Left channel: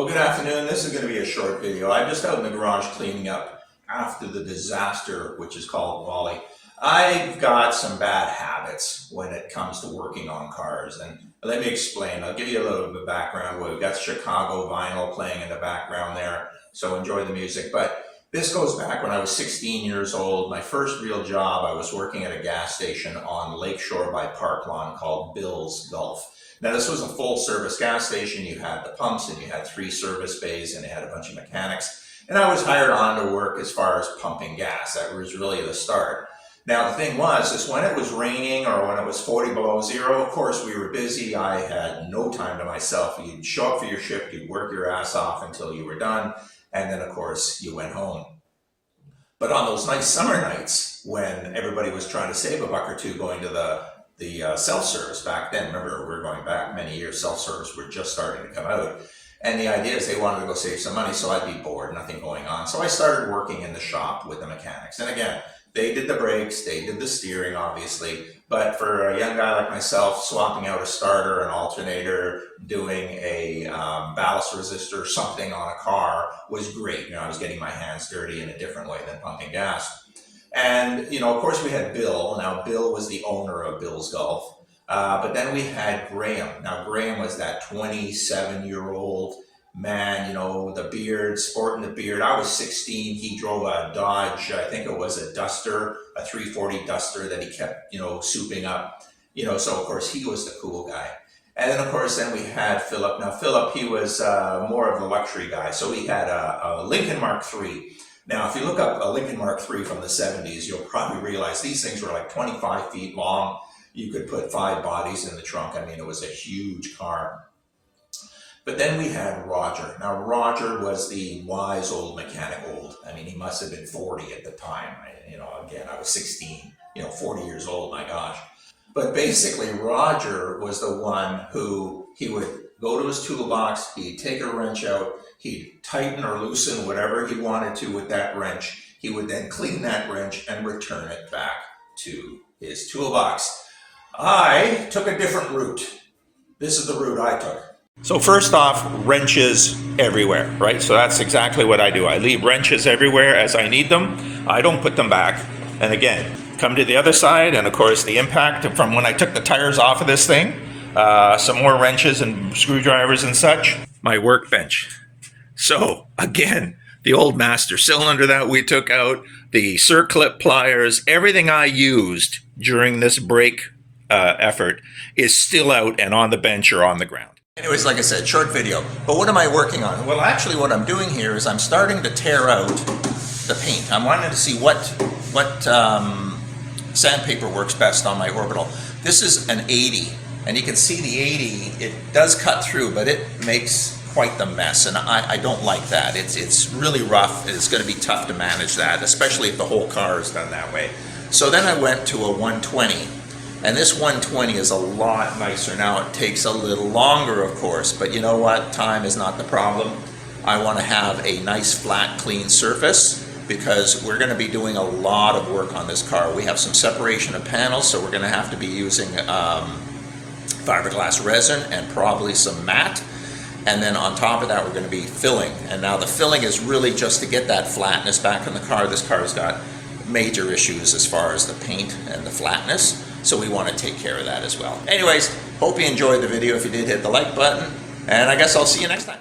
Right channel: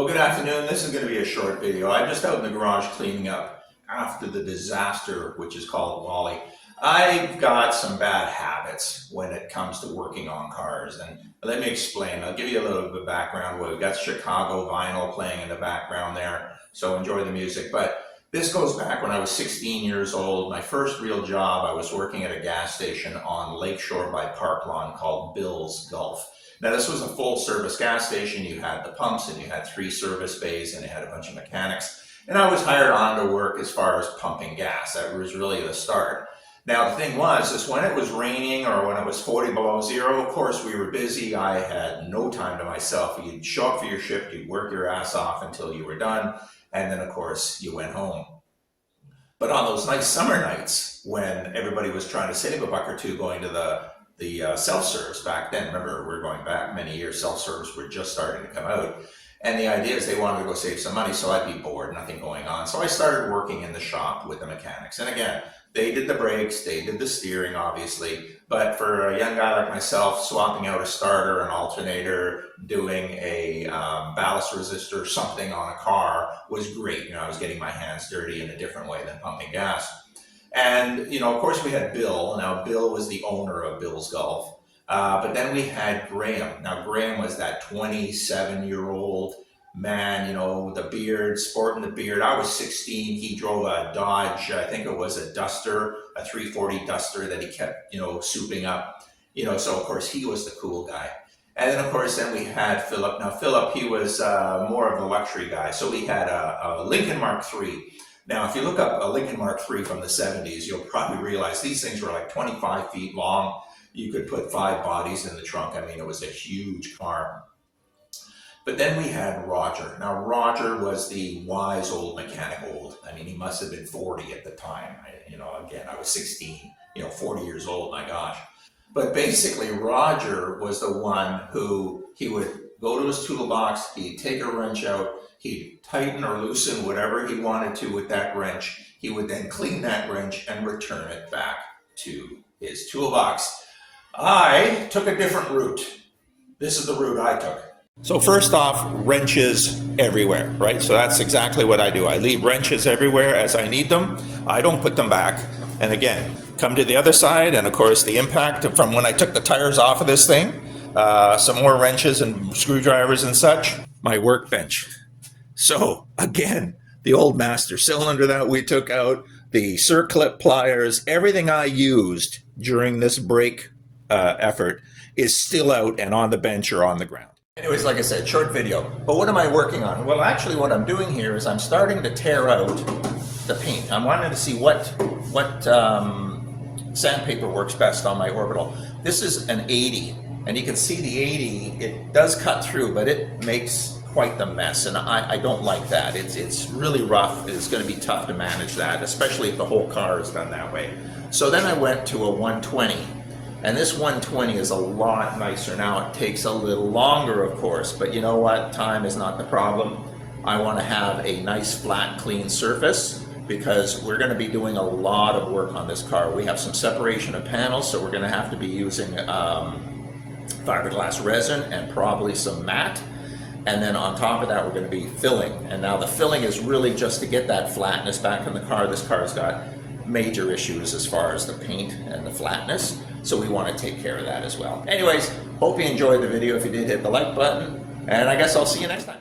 Well, good afternoon. This is going to be a short video. I'm just out in the garage cleaning up after the disaster, which is called Wally. I've got some bad habits when it comes to working on cars, and let me explain. I'll give you a little bit of background. We've got Chicago vinyl playing in the background there, so enjoy the music. But this goes back when I was 16 years old. My first real job, I was working at a gas station on Lakeshore by Park Lawn called Bill's Gulf. Now, this was a full-service gas station. You had the pumps, and you had 3 service bays, and you had a bunch of mechanics. And I was hired on to work as far as pumping gas. That was really the start. Now, the thing was, when it was raining or when it was 40 below zero, of course, we were busy. I had no time to myself. You'd show up for your shift, you'd work your ass off until you were done, and then, of course, you went home. But on those nice summer nights, when everybody was trying to save a buck or two going to the self-service back then, remember, we're going back many years, self-service were just starting to come out. And the idea is they wanted to go save some money, so I'd be bored, nothing going on. So I started working in the shop with the mechanics. And again, they did the brakes, they did the steering, obviously. But for a young guy like myself, swapping out a starter, an alternator, doing a ballast resistor, something on a car was great. You know, I was getting my hands dirty in a different way than pumping gas. And, you know, of course we had Bill. Now, Bill was the owner of Bill's Gulf. But then we had Graham. Now, Graham was that 27-year-old man, you know, with a beard, sporting the beard. I was 16. He drove a Dodge, I think it was a Duster, a 340 Duster that he kept, you know, souping up. You know, so, of course, he was the cool guy. And then, of course, then we had Philip. Now, Philip, he was more of the luxury guy. So we had a Lincoln Mark III. Now, if you look up a Lincoln Mark III from the 70s, you'll probably realize these things were like 25 feet long. You could put 5 bodies in the trunk. I mean, it was a huge car. But then we had Roger. Now, Roger was the wise old mechanic old. I mean, he must have been 40 at the time. You know, again, I was 16, you know, 40 years old, my gosh. But basically, Roger was the one who he would go to his toolbox, he'd take a wrench out, he'd tighten or loosen whatever he wanted to with that wrench. He would then clean that wrench and return it back to his toolbox. I took a different route. This is the route I took. So first off, wrenches everywhere, right? So that's exactly what I do. I leave wrenches everywhere as I need them. I don't put them back. And again, come to the other side, and of course the impact from when I took the tires off of this thing, some more wrenches and screwdrivers and such, my workbench. So again, the old master cylinder that we took out, the circlip pliers, everything I used during this brake effort is still out and on the bench or on the ground. Anyways, like I said, short video. But what am I working on? Well, actually what I'm doing here is I'm starting to tear out the paint. I'm wanting to see what sandpaper works best on my orbital. This is an 80, and you can see the 80, it does cut through, but it makes quite the mess, and I don't like that. It's really rough. It's going to be tough to manage that, especially if the whole car is done that way. So then I went to a 120, and this 120 is a lot nicer. Now it takes a little longer, of course, but you know what? Time is not the problem. I want to have a nice flat clean surface because we're going to be doing a lot of work on this car. We have some separation of panels, so we're going to have to be using fiberglass resin and probably some matte. And then on top of that, we're going to be filling. And now the filling is really just to get that flatness back in the car. This car's got major issues as far as the paint and the flatness. So we want to take care of that as well. Anyways, hope you enjoyed the video. If you did, hit the like button. And I guess I'll see you next time.